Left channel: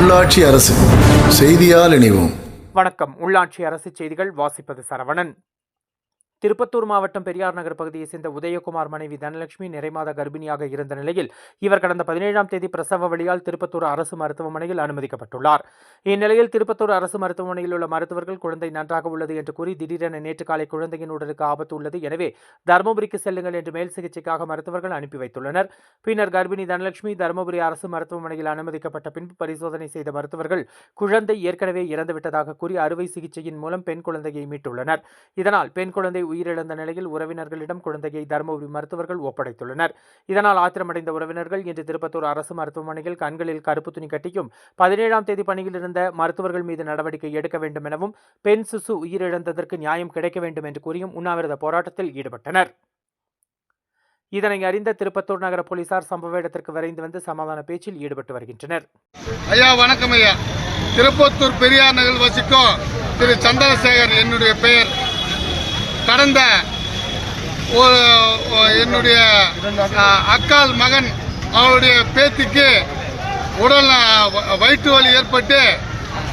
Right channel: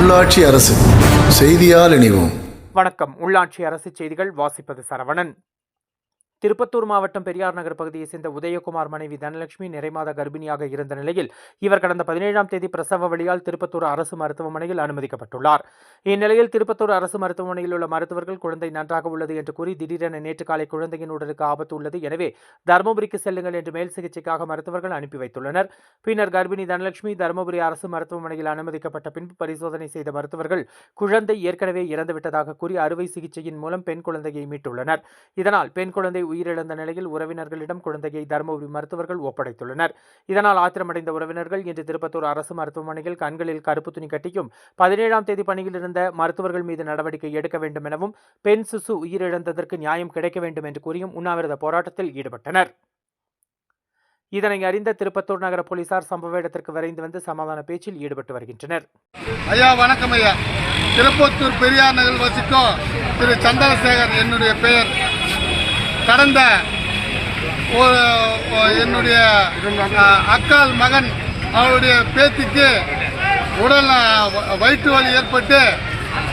உள்ளாட்சி அரசு செய்தியால் இணைவோம். வணக்கம். உள்ளாட்சி அரசு செய்திகள் வாசிப்பது சரவணன். திருப்பத்தூர் மாவட்டம் பெரியார் நகர் பகுதியைச் சேர்ந்த உதயகுமார் மனைவி தனலட்சுமி நிறைமாத கர்ப்பிணியாக இருந்த நிலையில் இவர் கடந்த பதினேழாம் தேதி பிரசவ வழியால் திருப்பத்தூர் அரசு மருத்துவமனையில் அனுமதிக்கப்பட்டுள்ளார். இந்நிலையில் திருப்பத்தூர் அரசு மருத்துவமனையில் உள்ள மருத்துவர்கள் குழந்தை நன்றாக உள்ளது என்று கூறி திடீரென நேற்று காலை குழந்தையின் உடலுக்கு ஆபத்து உள்ளது. எனவே தருமபுரிக்கு செல்லுங்கள் என்று மேல் சிகிச்சைக்காக மருத்துவர்கள் அனுப்பி வைத்துள்ளனர். பின்னர் கர்ப்பிணி தனலட்சுமி தருமபுரி அரசு மருத்துவமனையில் அனுமதிக்கப்பட்ட பின்பு பரிசோதனை செய்த மருத்துவர்கள் குழந்தை ஏற்கனவே இறந்துவிட்டதாக கூறி அறுவை சிகிச்சையின் மூலம் பெண் குழந்தையை மீட்டுள்ளனர். இதனால் பெண் குழந்தை உயிரிழந்த நிலையில் உறவினர்களிடம் குழந்தையை தருமபுரி மருத்துவர்கள் ஒப்படைத்துள்ளனர். இதனால் ஆத்திரமடைந்த உறவினர்கள் இன்று திருப்பத்தூர் அரசு மருத்துவமனையில் கண்களில் கருப்பு துணி கட்டியும் பதினேழாம் தேதி பணியில் இருந்த மருத்துவர்கள் மீது நடவடிக்கை எடுக்க வேண்டும் எனவும் பெண் சிசு உயிரிழந்ததற்கு நியாயம் கிடைக்க வேண்டும் என்று கூறியும் உண்ணாவிரத போராட்டத்தில் ஈடுபட்டனர். இதனை அறிந்த திருப்பத்தூர் நகர போலீசார் சம்பவ இடத்திற்கு விரைந்து வந்து சமாதான பேச்சில் ஈடுபட்டு வருகின்றனர். ஐயா வணக்கம் ஐயா. திருப்பத்தூர் பெரியார் நகர் வசிக்கும் திரு சந்திரசேகர் என்னுடைய பெயர். கடந்த என்னுடைய அக்கால் மகன் அவருடைய பேத்திக்கு உடல் வ- வயிற்று வலி ஏற்பட்டு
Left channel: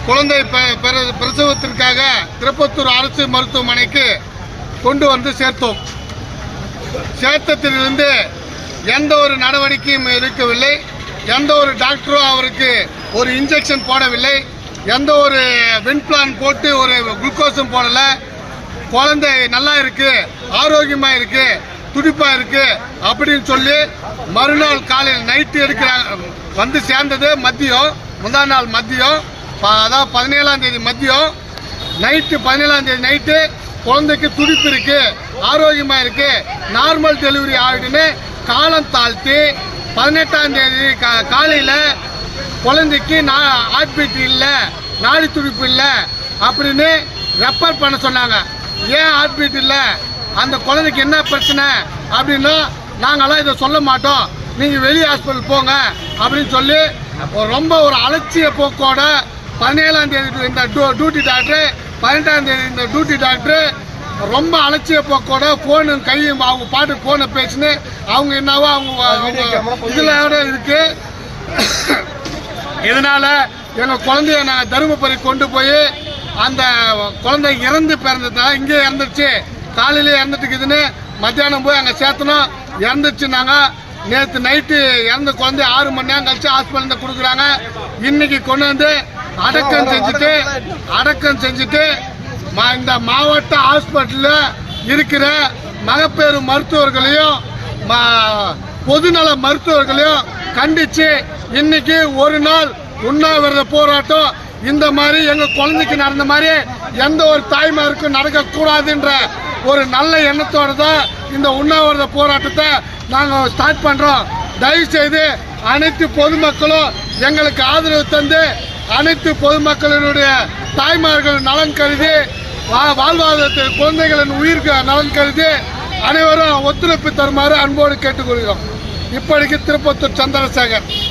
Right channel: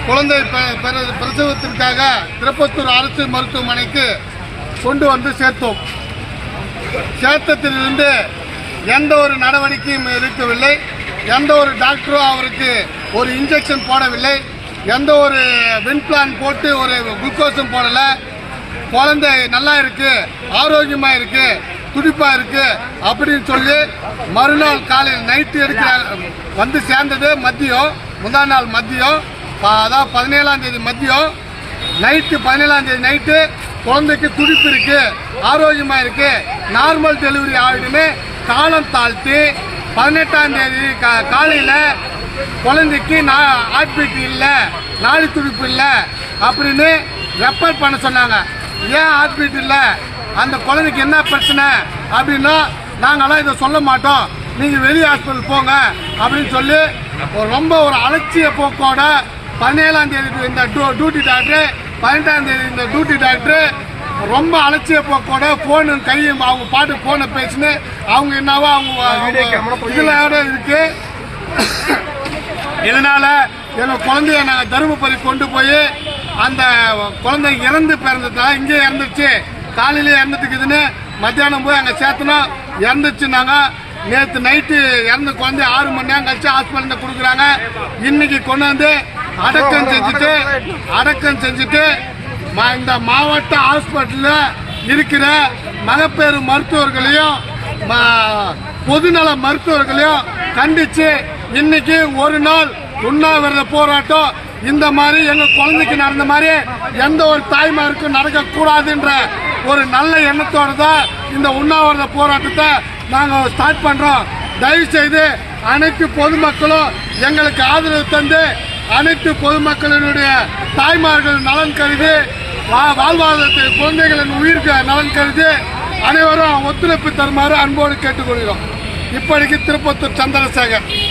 குழந்தை பெ- பிரசவத்திற்காக திருப்பத்தூர் அரசு மருத்துவமனைக்கு கொண்டு வந்து சேர்த்தோம். சேர்த்தத்திலிருந்து எந்த ஒரு நடவடிக்கையும் இருக்கவில்லை எந்த ஒரு டாக்டரும் அவருக்கு ஒரு இன்ஜெக்ஷன் போடவில்லை. எந்த ஒரு வின் பிளான் போட்டு ஒரு குளுக்கோஸும் போடலை. குழந்தை நல்லா இருக்கு ஆரோக்கியமா இருக்கு துடிப்பா இருக்கு அப்படின்னு சொல்லி மறுநாள் காலையில் நைட்டு எடுக்கிற வந்து சேர்ந்தது மதியம் முந்தா நாள் மதியம் அதாவது பதினேழாம் தேதி மதியம். நைட்டு பதினேழாம் தேதி நைட்டு குழந்தைக்கு துடிப்பு இருக்கு ஆரோக்கியமா இருக்கு நார்மல் டெலிவரி ஆகிடுன்னு காலம் தாழ்த்தி பதினெட்டாம் தேதி கா- காலையில குழந்தைக்கு நான் ஹார்ட் பீட் இல்லை நாடி துடிப்பு இல்லை அப்படின்னு ரெஃபர் பண்ண சொன்னாங்க. ஏன் ஹார்ட் பீட் இல்லை? அந்த குழந்தைக்கு என்ன பிரச்சனை? அப்படின்னா நாங்களாம் இதை சொல்ல மாட்டோம். நீங்கள் வெளி ஹாஸ்பிட்டல் போங்க அப்படின்னு சொல்லி ரொம்ப ஒரு அலட்சிய போக்கோட பதினேழாம் தேதி இந்த டியூ- டியூட்டி டாக்டர் பதினெட்டாம் தேதி இந்த டியூட்டி டாக்டர் ரொம்ப அலட்சிய போக்கோட ஃபோனு கையும் அவங்க பாட்டு ஃபோனை பேசினு அவங்க என்னவோ அவங்க அவங்க இதில் இருக்கு. இதனால எங்கள் குழந்தைய நாங்கள் தருமபுரி கொண்டு போய் அந்த குழந்தை இறந்து பிறந்ததுனால இங்கே இறந்துருச்சு. காலையிலே இறந்துட்டுக்குதுன்னு மத்தியானம் போய் அங்கே சேர்த்தனோம் இறந்துச்சு நாங்கள் நேற்று நைட்டு இறந்த குழந்தை ஆறு மணி நேரம் கழிச்சு ஹாஸ்பிட்டலில் கொடுக்குறாங்க. இன்னைக்கு கொண்டு வந்து அடக்கம் செஞ்சுட்டு அடக்கம் செஞ்சுட்டு மா- இந்த மாவட்ட ஹாஸ்பிட்டலில் இருக்கிற மகப்பேறு மருத்துவர்களையும் ம- பொதுநல மருத்துவர்களையும் கண்டிச்சு இன்னைக்கு ஒரு நாள் உண்ணாவிரத போராட்டம் இந்த மாதிரி எங்க குழந்தைக்கு நடந்த மாதிரி எந்த ஒரு தாய்மாருக்கும் நடக்க கூடாதுன்ற ஒரு நல்ல எண்ணத்தோட தான் இந்த உண்ணாவிரத போராட்டத்தை நாங்கள் ஸ்டார்ட் பண்றோம். தயவு செய்து அனைத்து பொதுமக்களும் எங்களுக்கு ஆதரவு தந்து அனைத்து பொதுமக்களினுடைய தாய்மார்கள் நலன் கருதி வா- வாழ்வாதாரத்தில் குழந்தைகளின் உயிருக்கு நலன் கருதி அனைவரும் ஒத்துழைப்பு தருமாறு அன்போடு கேட்டுக்கொள்கிறோம். இப்படிக்கு திருப்பத்தூர் சந்திரசேகர்.